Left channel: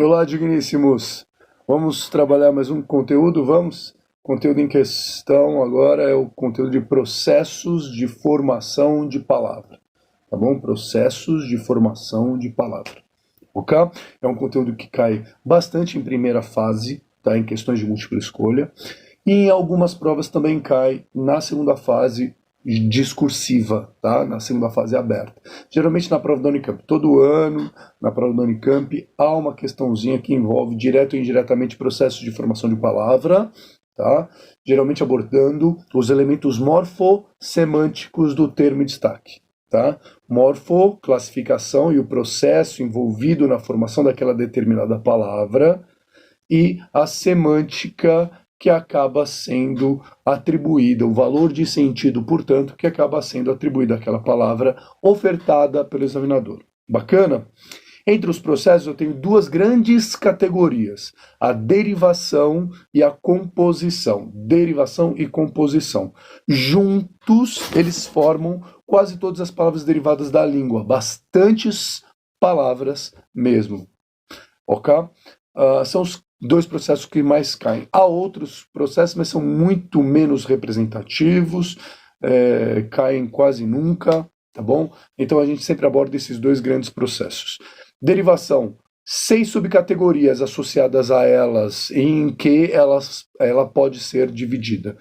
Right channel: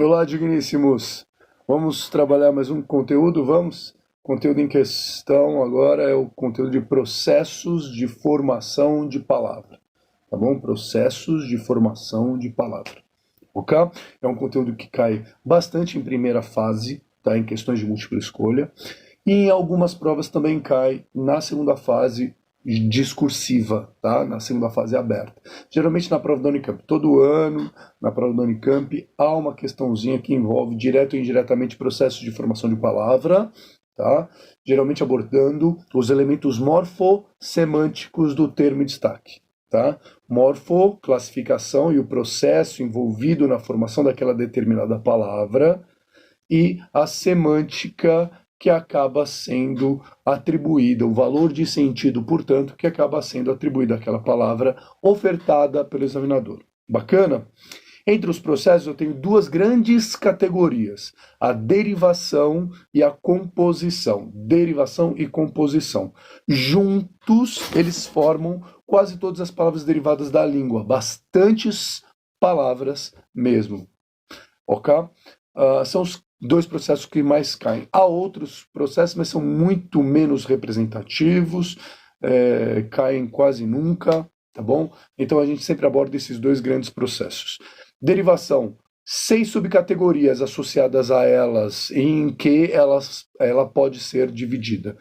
Olá, digníssimos. Vamos trabalhar mais um conteúdo, vamos? O conteúdo em questão agora é o conteúdo de processos de formação de palavra, tá bom? Processos de formação de palavra, ok? É um conteúdo que cai bastante em primeira fase, tá? Em questões de múltipla escolha, e em algumas provas também cai na segunda fase discursiva, tá? Na segunda fase aberta. Geralmente na prova da Unicamp, todo ano, na prova da Unicamp, há uma questãozinha que envolve direto ou indiretamente processos de formação de palavra, tá? Geralmente abordando os elementos morfossemânticos do termo em destaque. Tá? Morfo, classificação e o processo envolvido na formação daquela determinada palavra, e a semântica que acaba sendo atribuída, o valor de sentido, portanto, que acaba sendo atribuído àquela palavra ofertada pelo examinador. Bacana? Entre os processos eu tenho duas grandes categorias, a derivação e a composição. Derivação e composição. Juntos, eles formam quase todas as palavras derivadas da língua, bastantes palavras mesmo. Ok? São os dois processos que mais caem. Há outros processos, mas são muito menos representativos, caem quase nunca, tá bom? Então a gente sempre aborda esses dois grandes processos. Derivação, 6 subcategorias associadas a elas, em que ela pode ser dividida.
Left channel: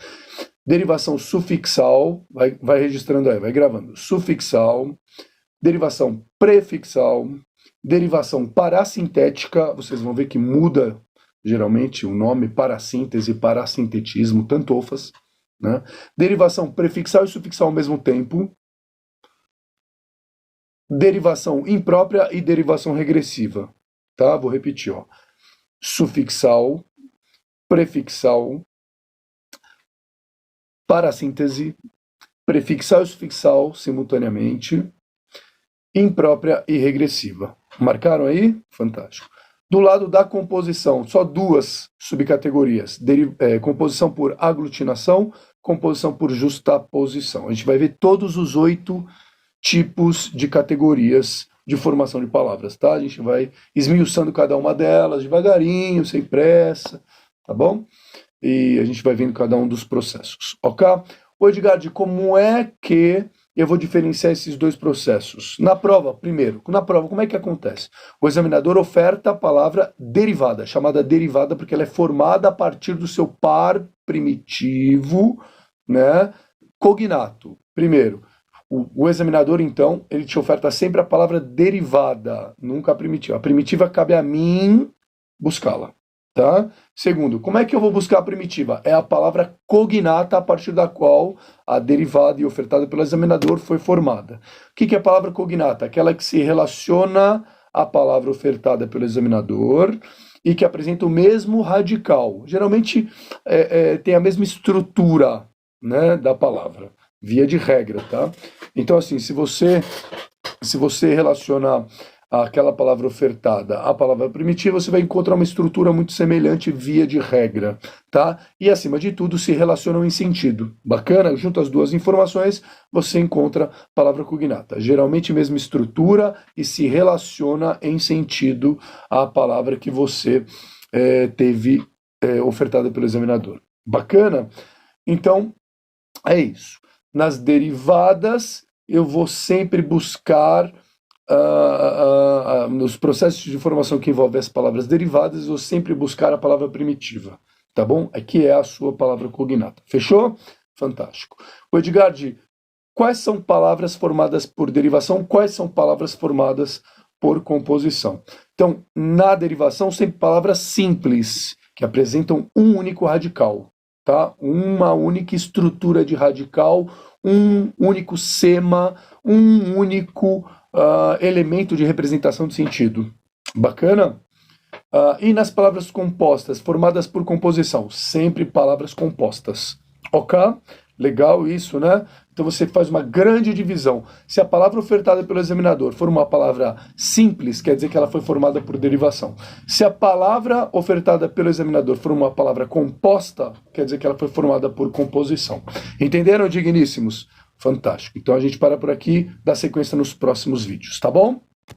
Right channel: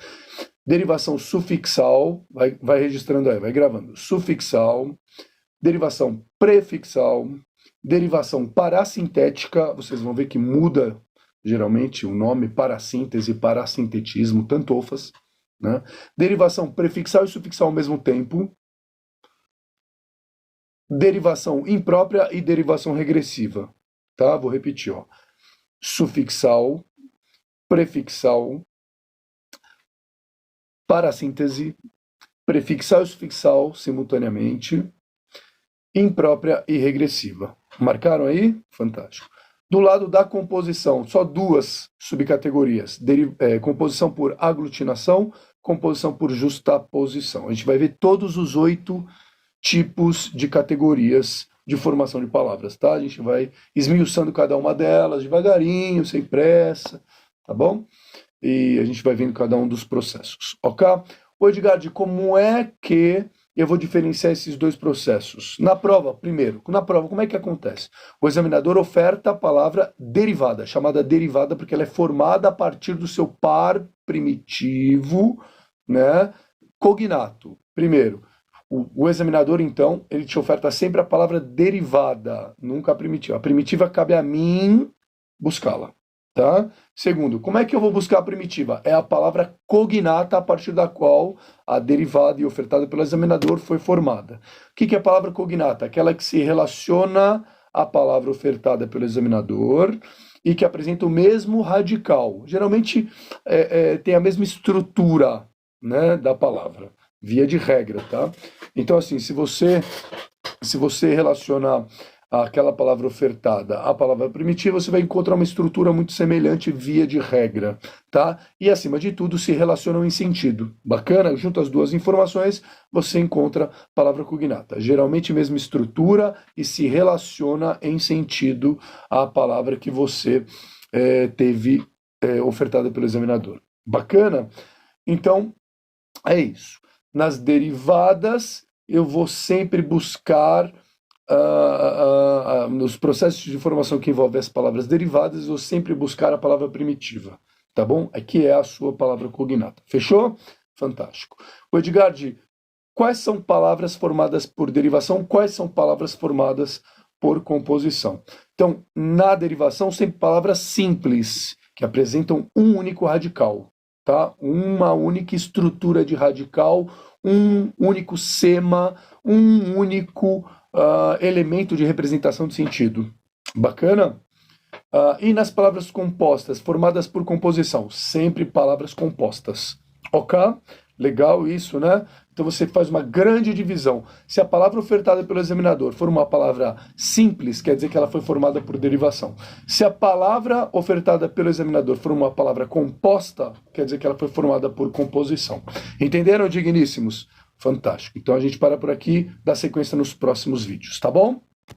Derivação sufixal, vai registrando aí, vai gravando. Sufixal, derivação prefixal, derivação parassintética, vocês vão ver que muda geralmente o nome, parassíntese, parassintetismo, tantofas, né? Derivação prefixal e sufixal ao mesmo tempo, derivação imprópria e derivação regressiva, tá? Vou repetir, ó. Sufixal, prefixal, parassíntese, prefixal e sufixal simultaneamente, imprópria e regressiva. Marcaram aí? Fantástico. Do lado da composição, só duas subcategorias. Composição por aglutinação, composição por justaposição. A gente vai ver todos os 8 tipos de categorias de formação de palavras, tá? A gente vai esmiuçando cada uma delas devagarinho, sem pressa, tá bom? E a gente vai vendo cada um dos processos, ok? O Edgard, como é que eu vou diferenciar esses dois processos? Na prova, primeiro, como é que acontece? O examinador oferta a palavra derivada, chamada derivada porque ela é formada a partir do seu par primitivo, né, cognato. Primeiro, o examinador, então, ele te oferta sempre a palavra derivada, nunca a primitiva. A primitiva cabe a mim buscá-la. Tá? Segundo, como é que eu vou buscar a primitiva? É a palavra cognata a partir da qual a derivada e ofertada pelo examinador foi formada. O que é a palavra cognata? Aquela que se relaciona à palavra ofertada pelo examinador e que apresenta o mesmo radical. Geralmente tem a mesma estrutura, né, da palavra, via de regra. Tá? Então, assim, se você relacionar aquela palavra ofertada à palavra primitiva, você vai encontrar uma estrutura muito semelhante via de regra, tá? E acima de tudo se relacionam em sentido. Bacana? Junto às duas informações, você encontra palavra cognata. Geralmente mesma estrutura e se relaciona em sentido à palavra que você teve ofertada pelo examinador. Bacana? Então, é isso. Nas derivadas, eu vou sempre buscar nos processos de formação que envolvem as palavras derivadas, eu sempre buscar a palavra primitiva, tá bom? Aqui é a sua palavra cognata. Fechou? Fantástico. O Edgard, quais são palavras formadas por derivação? Quais são palavras formadas por composição? Então, na derivação, sempre palavras simples, que apresentam um único radical, tá? Uma única estrutura de radical, um único sema, um único elemento de representação de sentido. Bacana? E nas palavras compostas, formadas por composição, sempre palavras compostas. Ok? Legal isso, né? Então você faz uma grande divisão. Se a palavra ofertada pelo examinador for uma palavra simples, quer dizer que ela foi formada por derivação. Se a palavra ofertada pelo examinador for uma palavra composta, quer dizer que ela foi formada por composição. Entenderam, digníssimos? Fantástico. Então a gente para por aqui, dá sequência nos próximos vídeos, tá bom?